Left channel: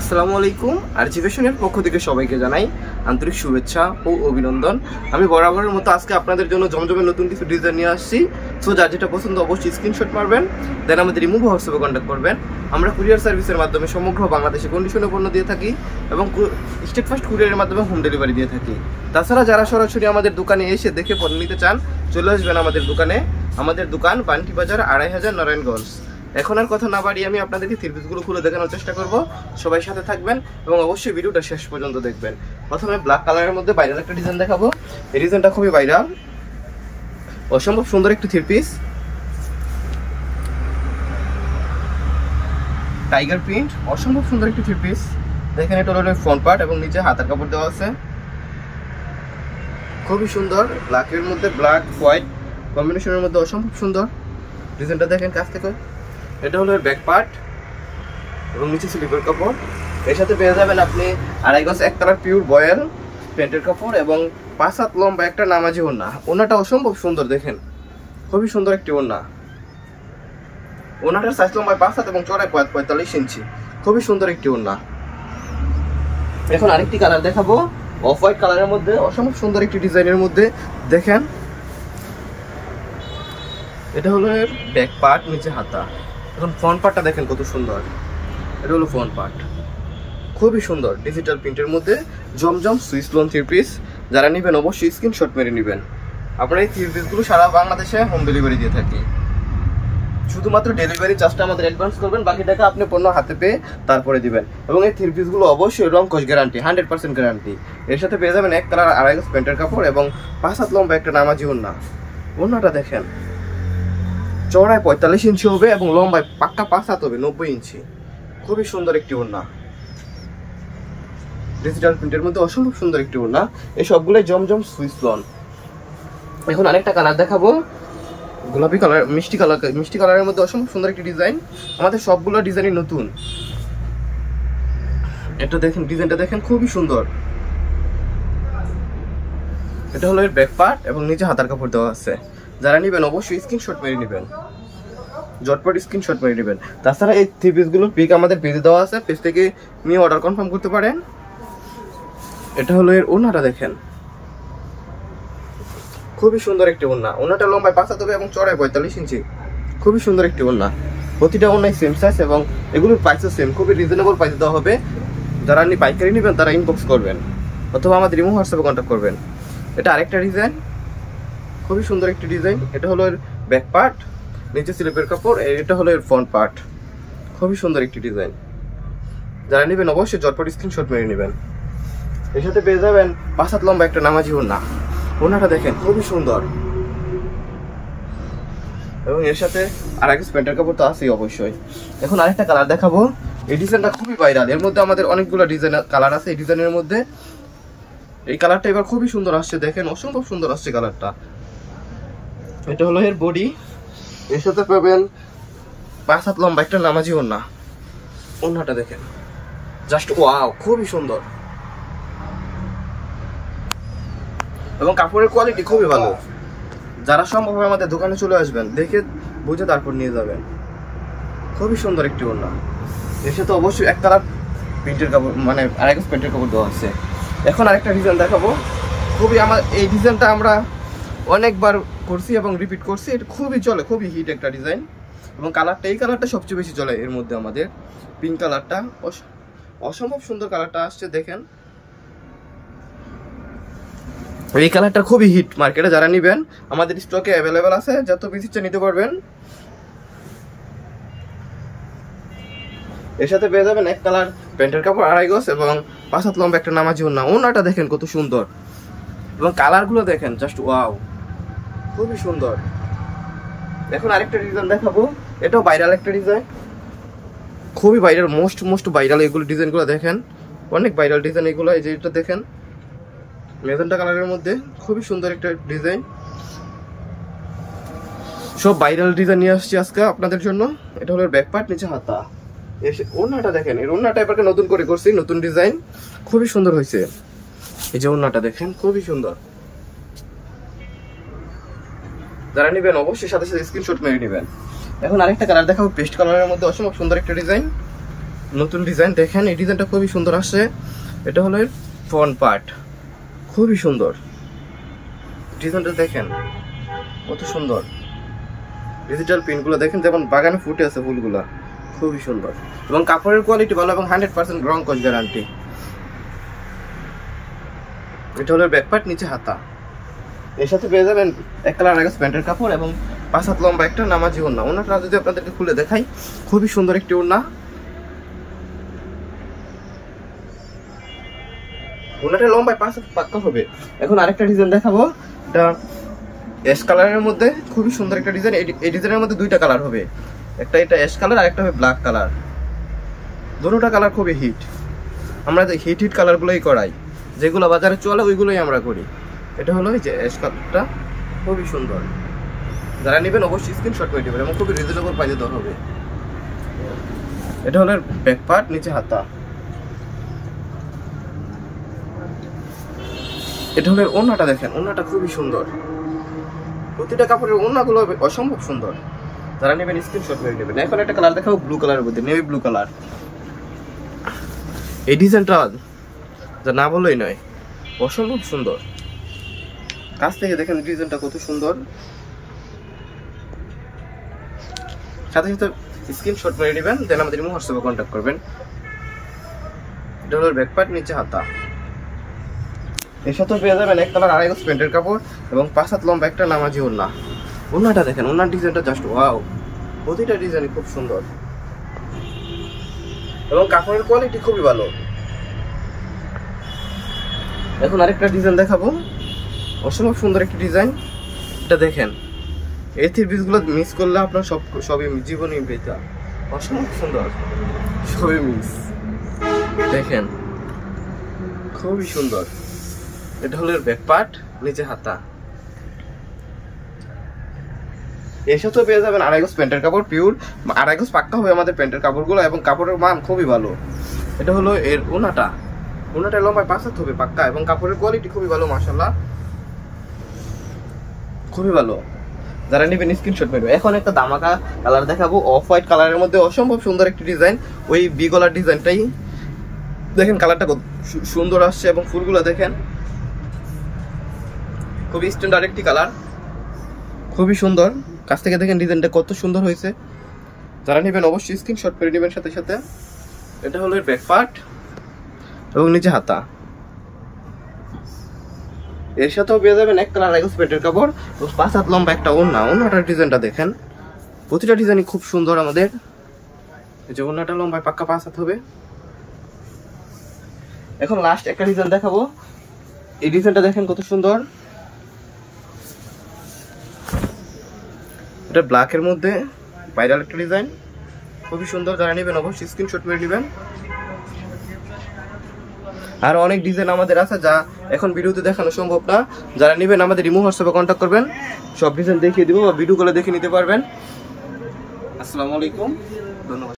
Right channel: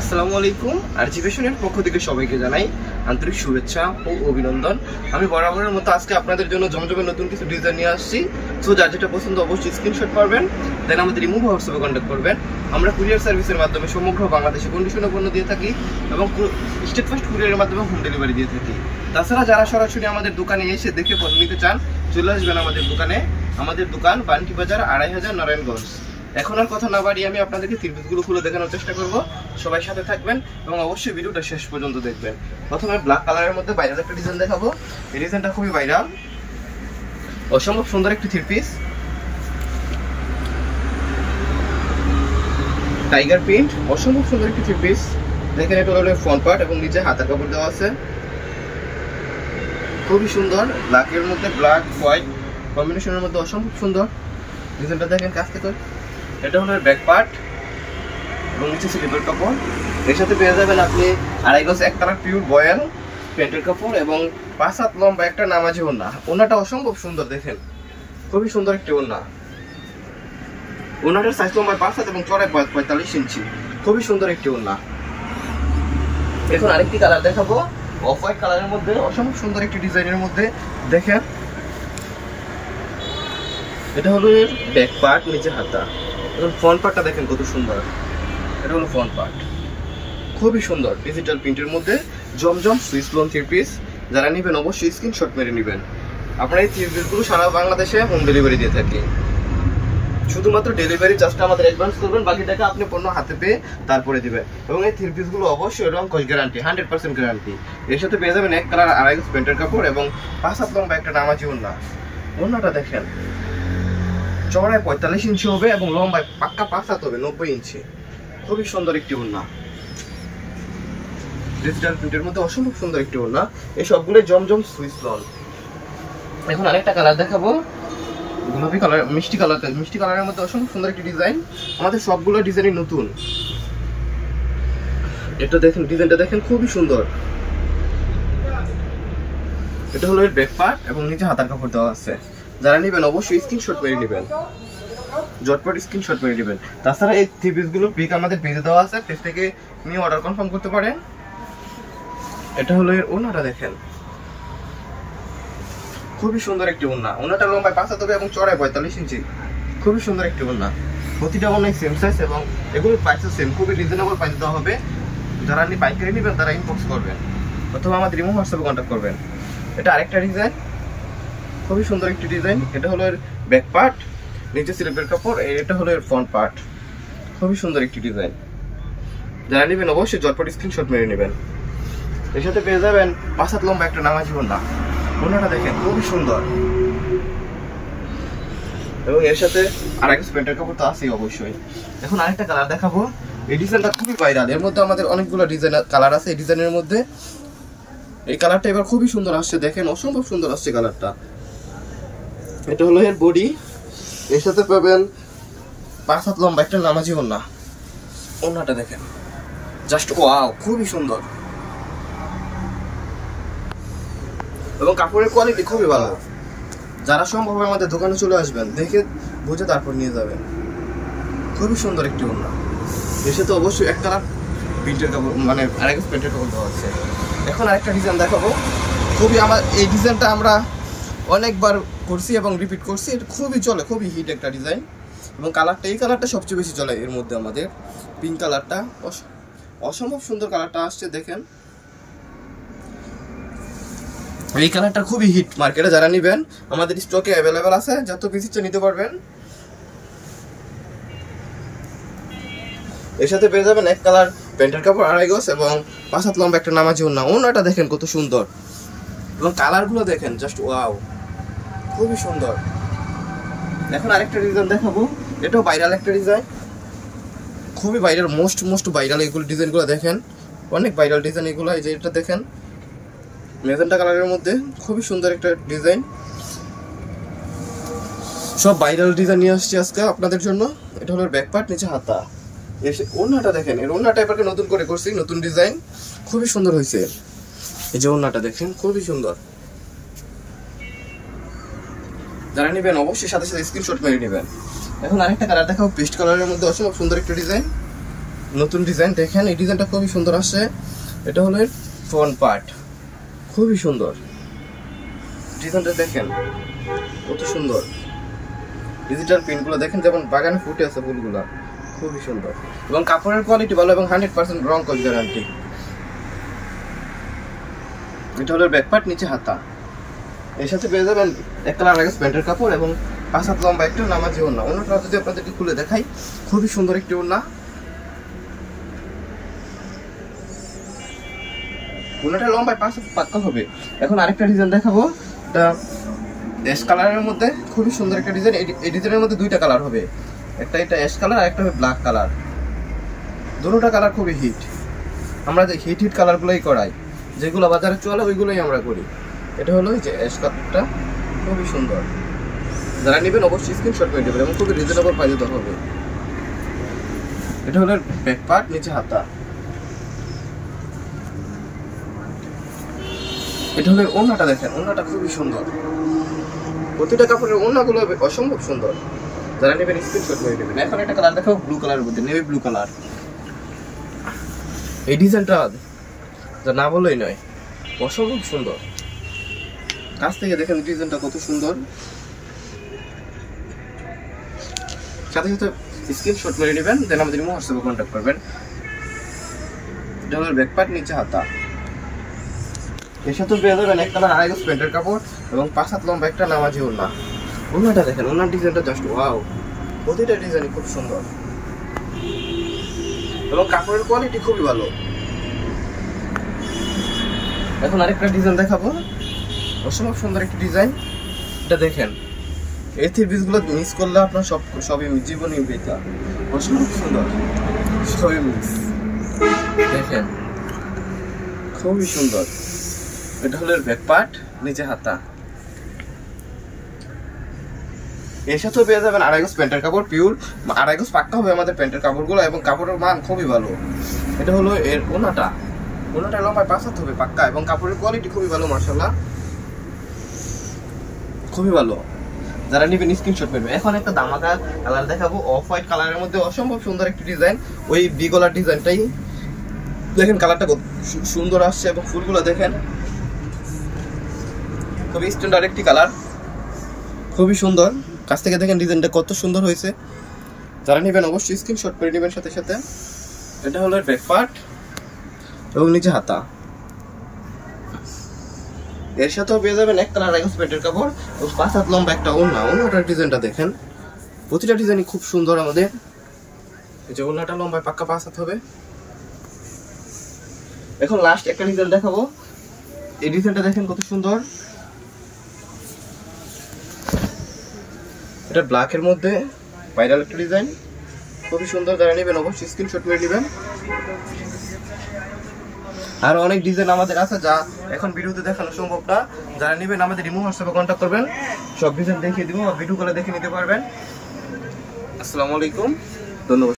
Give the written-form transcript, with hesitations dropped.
আসসালামু আলাইকুম। আরজিভেশনের পক্ষ থেকে সবাইকে জানাই আন্তরিক শুভেচ্ছা ও অভিনন্দন। আমি বরাবরের মতো আজকে আপনাদের জন্য জমজমে নতুন কিছু ডিজাইন নিয়ে আসছি। সো যার যেটা পছন্দ অবশ্যই স্ক্রিনশট মারবেন, দেন আমাদের ইমো হোয়াটসঅ্যাপে কন্ট্যাক্ট করবেন। আমরা কুরিয়ার সার্ভিসের মাধ্যমে সমগ্র বাংলাদেশে কন্ডিশনে পণ্য দিয়ে থাকি এবং স্টেট ফার্স্ট কুরিয়ারের মাধ্যমে হোম ডেলিভারি দিয়ে থাকি। তাছাড়া যারা সরাসরি আমাদের দোকানে এসে দেখে পণ্য নিতে চান চলে আসবেন আমাদের দোকানে। আমাদের দোকান বান্টি বাজার ২৫০০ নারায়ণগঞ্জ। এখন আর কথা না বাড়িয়ে আমি আপনাদেরকে থ্রি পিসগুলো খুলে দেখানোর চেষ্টা করব। সবাই সাথে থাকবেন এবং অবশ্যই ভিডিওটা শেষ পর্যন্ত দেখবেন। প্রথমে ব্ল্যাক কালারের মধ্যে ভাইরাল একটা ডিজাইন দেখাবো। এই ডিজাইনটা খুবই ভাইরাল, অসম্ভব সুন্দর একটি থ্রি পিস, টাইগার প্রিন্ট, অসম্ভব সুন্দর একটি থ্রি পিস। দেখেন এটা হলো ফ্রন্ট পার্ট এবং নিচে হাতের কাপড় দেওয়া আছে, খুবই সুন্দর। ব্ল্যাকের মধ্যে ব্ল্যাক হোয়াইট কম্বিনেশনের মধ্যে অসম্ভব সুন্দর ডিজাইনটা দেখেন কাছ থেকে। এটা হলো ব্যাক পার্ট এবং নিচে স্লিপের কাপড়। এর সাথে পেয়ে যাবেন আপনি ২.৫ গজ এক কালার পিওর বয়েল প্যান্টের কাপড় এবং ৫ হাত লম্বা একটা নামাজি ওড়না। ওড়নাটা অসম্ভব সুন্দর, দেখেন খুবই সুন্দর একটি ওড়না। ওড়নাটার সাইজ লম্বায় ৫ হাত এবং চড়ায় ৪৫ ইঞ্চি, খুবই সুন্দর একটি ওড়না। এখন আরেকটি কালার দেখাবো, অফ হোয়াইট কালারের মধ্যে অসম্ভব সুন্দর একটি ডিজাইনের মধ্যে। দেখেন এটা হলো ব্যাক পার্ট, নিচে হাতা। এখন ফ্রন্ট পার্টটা দেখেন কত সুন্দর। এটা হলো ফ্রন্ট পার্ট, খুবই সুন্দর ডিজিটাল প্রিন্টের মধ্যে জমজম সুইস লোন থ্রি পিস। যারা নেবেন অবশ্যই স্ক্রিনশট মেরে নেবেন। আপনারা এই থ্রি পিসগুলো সারা বাংলাদেশে হোম ডেলিভারি দিয়ে থাকি। শুধুমাত্র ডেলিভারি চার্জটা আমাদের অ্যাডভান্স করবেন, বাকি টাকা আপনি পণ্য হাতে পেয়ে তারপরে দিবেন। এবং এই থ্রি পিসগুলো অবশ্যই রং কস গ্যারান্টি, 100% গ্যারান্টি। এর সাথে পেয়ে যাবেন এক কালার ২.৫ গজ প্যান্টের কাপড় এবং ৫ হাত লম্বা একটা নামাজি ওড়না। ওড়নাটা দেখেন চওড়ায় ৪৫ ইঞ্চি হবে এবং লম্বায় পাক্কা ৫ হাত হবে ৯০ ইঞ্চি, খুবই সুন্দর একটি ওড়না। ডিজিটাল প্রিন্টের মধ্যে অসম্ভব সুন্দর একটি ওড়না। এই সবগুলো জমজম সুইস লন। এখন আরেকটা কালার দেখাবো, গোলাপি কালার, মিষ্টি কালারের মধ্যে অসম্ভব সুন্দর একটি ডিজাইন। আমাদের সবগুলো ডিজাইনই নতুন। এটা দেখুন, ডিজাইনটা দেখেন খুবই সুন্দর। এটা হলো এর ব্যাক পার্ট এবং নিচে হাতার কাপড় দেওয়া আছে। যারা নেবেন অবশ্যই স্ক্রিনশট মেরে নেবেন, ঝটপট স্ক্রিনশট মেরে নেবেন। তাছাড়া এই থ্রি পিসগুলোর পিক আমাদের পেজে দেওয়া আছে, পেজ থেকে নিয়ে অর্ডার কনফার্ম করতে পারেন। এটা হলো এর ওড়নাটা দেখেন, খুবই সুন্দর একটি ওড়না। ওড়নাটা লম্বায় ৫ হাত হবে এবং চড়ায় ৪৫ ইঞ্চি, খুবই সুন্দর একটি ওড়না। প্রতিটা ওড়নাই সেম সাইজ এবং এগুলোর প্রাইসও সেম, খুবই রিজনেবল প্রাইস দেওয়া হবে। যারা আপনি পাইকারি নেবেন তারা ইনবক্স করবেন অথবা আমাদের ইমো হোয়াটসঅ্যাপে কন্ট্যাক্ট করবেন। এটা আরেকটা ডিজাইন, খুবই সুন্দর একটি ডিজাইন। এটা হলো এর ব্যাক পার্ট, নিচে স্লিপের কাপড়। এটা হলো এর ফ্রন্ট পার্ট, খুবই সুন্দর একটি ডিজাইন। যারা নেবেন অবশ্যই ঝটপট স্ক্রিনশট মেরে নেবেন। এর সাথে পেয়ে যাবেন ৫ হাত লম্বা একটা নামাজি ওড়না। ওড়নাটা দেখেন খুবই সুন্দর এবং এর সাথে ২.৫ গজ প্যান্টের কাপড় তো আছেই অবশ্যই। এখন আরেকটা কালার দেখাবো। এই ডিজাইনটা খুবই ভাইরাল, এর মধ্যে আমাদের অনেকগুলো ডিজাইন কালার আছে। এই ডিজাইনের মধ্যে এই কালারটা এবার খুবই সুন্দর আসছে, দেখেন অসম্ভব সুন্দর আসছে কালারটা। এটা হলো এর বডি, এর সাথে পাবেন ৫ হাত লম্বা একটা নামাজি ওড়না। ওড়নাটা দেখেন জাস্ট ওয়াও, খুবই সুন্দর এবং কাপড়ের কোয়ালিটি খুবই ভালো। যারা সম্ভব হবে আমাদের দোকানে চলে আসবেন, দেখে বুঝে তারপর নিয়ে যাবেন। খুবই সুন্দর একটি ওড়না। এর সাথে অবশ্যই এক কালার প্রিন্টের কাপড়, মানে ২.৫ গজ প্যান্টের কাপড় দেওয়া আছে। এখন আরেকটা ডিজাইন দেখাবো। খুবই এই ডিজাইনটা আমরা অনেকবার করছি এবং রিপিট করছি। এটা খুবই চলে, খুবই হিট একটা ডিজাইন এবং কালারটা, এই কালারটা সবচেয়ে বেশি চলে এর মধ্যে। আমাদের পিঙ্ক কালারটা অসম্ভব সুন্দর কালারটা আসছে, দেখেন এই কালারটা খুবই হিট মার্কেটে। যারা নেবেন আমাদের স্টকে অ্যাভেলেবেল আছে, যত পিস ইচ্ছে নিতে পারবেন। এর সাথে পেয়ে যাবেন এক কালার প্যান্টের কাপড় ২.৫ গজ এবং ৫ হাত লম্বা একটা নামাজি ওড়না। ওড়নাটা দেখেন কত সুন্দর এবং কালারগুলো দেখেন জাস্ট ওয়াও, খুবই সুন্দর। এখন আরেকটা ডিজাইন দেখাবো, এটাও ভাইরাল একটা ডিজাইন, খুবই ভাইরাল, মোস্ট ভাইরাল এগুলো ডিজাইনগুলো দেখেন, অনেক ভাইরাল ডিজাইন এগুলো। এই যে এটা দেখেন মেজেন্টা কালারের মধ্যে, খুবই সুন্দর একটা ডিজাইন। সব ভাইরাল ডিজাইন নিয়ে আসছি আজকে আপনাদের জন্য। এটা হলো ব্যাক পার্ট, নিচে হাতা। ওড়নাটা দেখেন, এর ওড়নাটা এবারকে নতুন করে করছি, নতুন ডিজাইন, খুবই সুন্দর হয়েছে। এই যে ওড়নাটা দেখেন খুবই সুন্দর। যারা নেবেন অবশ্যই সাথে সাথে স্ক্রিনশট মেরে নেবেন। এখন আরেকটা কালার দেখাবো, পেস্ট কালারের মধ্যে অসম্ভব সুন্দর একটা ডিজাইন। নতুন ডিজাইন দেখেন, এই ডিজাইনটা খুবই সুন্দর আসছে। এটা হলো এর ফ্রন্ট পার্ট, খুবই সুন্দর ডিজাইনটা দেখেন, কত সুন্দর। ডিজিটাল প্রিন্টগুলো দেখেন যেমন বাগানে ফুটে আছে ফুলগুলো, খুবই সুন্দর। এবং কাপড়ের কোয়ালিটি ভালো এবং 100% রং কস গ্যারান্টি। এটা হলো ব্যাক পার্ট, নিচে হাতা। এর সাথে পেয়ে যাবেন এক কালার আগে প্যান্টের কাপড় এবং 5 হাত লম্বা একটা নামাজি ওড়না। ওড়নাটা যদি আপনাদেরকে খুলে দেখাই, খুবই সুন্দর একটি ওড়না। ওড়নাটা লম্বায় 5 হাত পাক্কা হবে। এখন আরেকটা ডিজাইন দেখাবো, এটা অ্যাশ কালারের মধ্যে খুবই সুন্দর একটা ডিজাইন। এই ডিজাইনের মধ্যে দুইটা কালার হবে, একটা এটা অ্যাশ কালার আর একটা হবে ব্ল্যাক কালার। দুটোটা কালার খুবই হিট, আমরা যে হিট কালারগুলোই করাই, যেগুলো বাজারে চলে ওইগুলোই আমরা করি। এটা হলো এই যে অ্যাশ কালারটা, খুবই সুন্দর। যারা নেবেন অবশ্যই স্ক্রিনশট করে দেবেন এবং খুবই রিজনেবল প্রাইসে দিতে হবে। এটা হলো ব্যাক পার্ট, নিচে হাতা। এটা হলো ওড়নাটা দেখেন, ওড়নাটা খুবই সুন্দর। প্রতিটা কাপড়ের ওড়নাগুলো অসম্ভব সুন্দর। যারা নেবেন স্ক্রিনশট করে দেবেন। এখন একটা কালার দেখাবো ব্লু কালারের মধ্যে, নেভি ব্লু কালার। এই ডিজাইনটা যা না বললেই নয়, অসম্ভব সুন্দর। কাছ থেকে দেখেন ডিজাইনটা কত সুন্দর। সাথে সাথে স্ক্রিনশট মেরে নেবেন, দেন আমাদের হোয়াটসঅ্যাপে কন্ট্যাক্ট করবেন। এটা হলো ব্যাক পার্ট, নিচে হাতা। এর সাথে পেয়ে যাবেন এক কালার আড়াই গজ প্যান্টের কাপড় এবং 5 হাত লম্বা একটা নামাজি ওড়না। ওড়নাটা দেখেন, ওড়নার ডিজাইনটা জাস্ট ওয়াও, প্রতিটা ডিজাইনই খুব সুন্দর এবং কাপড়ের কোয়ালিটি খুবই ভালো। এখন আরেকটা ডিজাইন দেখাবো, অসম্ভব সুন্দর একটা ডিজাইন। এটা দেখেন, এই থ্রি-পিসগুলো মিস করলে আপনার সবই জীবনই বেকার। অসম্ভব সুন্দর, সবই মিস দেখেন, খুবই সুন্দর। এটা হলো ব্যাক পার্ট, নিচে হাতা। এর সাথে পেয়ে যাবেন আড়াই গজ প্যান্টের কাপড়, পিওর আড়াই গজ পাক্কা হবে আমাদের প্যান্টের কাপড়গুলো এবং কাপড়ের মান খুবই ভালো। এটা হলো এর ওড়নাটা, ওড়নাটা লম্বায় 5 হাত হবে পাক্কা এবং কাপড়ের কোয়ালিটি খুবই ভালো, মাশাআল্লাহ খুবই ভালো। যারা নেবেন স্ক্রিনশট করবে। এখন একটা দামাকা কালার দেখাবো, অফ হোয়াইট কালারের মধ্যে অসম্ভব সুন্দর একটি ডিজাইন। ওই বি গলার ডিজাইনটাই দেখেন, কালারটা সুন্দর আসছে এবং ফুলগুলো দেখেন, খুবই স্ট্যান্ডার্ড একটি কালার, খুবই সুন্দর। কাছ থেকে দেখেন ডিজাইনটা কত সুন্দর হয়েছে। যারা নেবেন অবশ্যই স্ক্রিনশট করে নেবেন সাথে সাথে। এটা হলো ব্যাক পার্ট এবং নিচে হাতা। এর সাথেও পেয়ে যাবেন এক কালার আড়াই প্যান্টের কাপড় এবং 5 হাত লম্বা একটা ওড়না। ওড়নাটার ডিজাইনটা দেখেন, প্রতিটা ডিজাইনই খুব সুন্দর আমাদের। এই যে ওড়নাটা লম্বায় পাক্কা 5 হাত হবে। এখন লাস্ট একটা ডিজাইন দেখাবো, এই ডিজাইনটা দেখেন কত সুন্দর। এটা ব্ল্যাকের মধ্যে ভাইরাল একটা ডিজাইন, খুবই সুন্দর। যারা নেবেন অবশ্যই স্ক্রিনশট করে নেবেন। আর অনেক ডিজাইন আমাদের আছে যা এখন ভিডিওতে দেখানো সম্ভব না। যারা নেবেন আমাদের হোয়াটসঅ্যাপে কন্ট্যাক্ট করবেন, সব ডিজাইন দেখিয়ে দিব বা ভিডিও কলে দেখে নিতে পারবেন। আসসালামু আলাইকুম, ধন্যবাদ।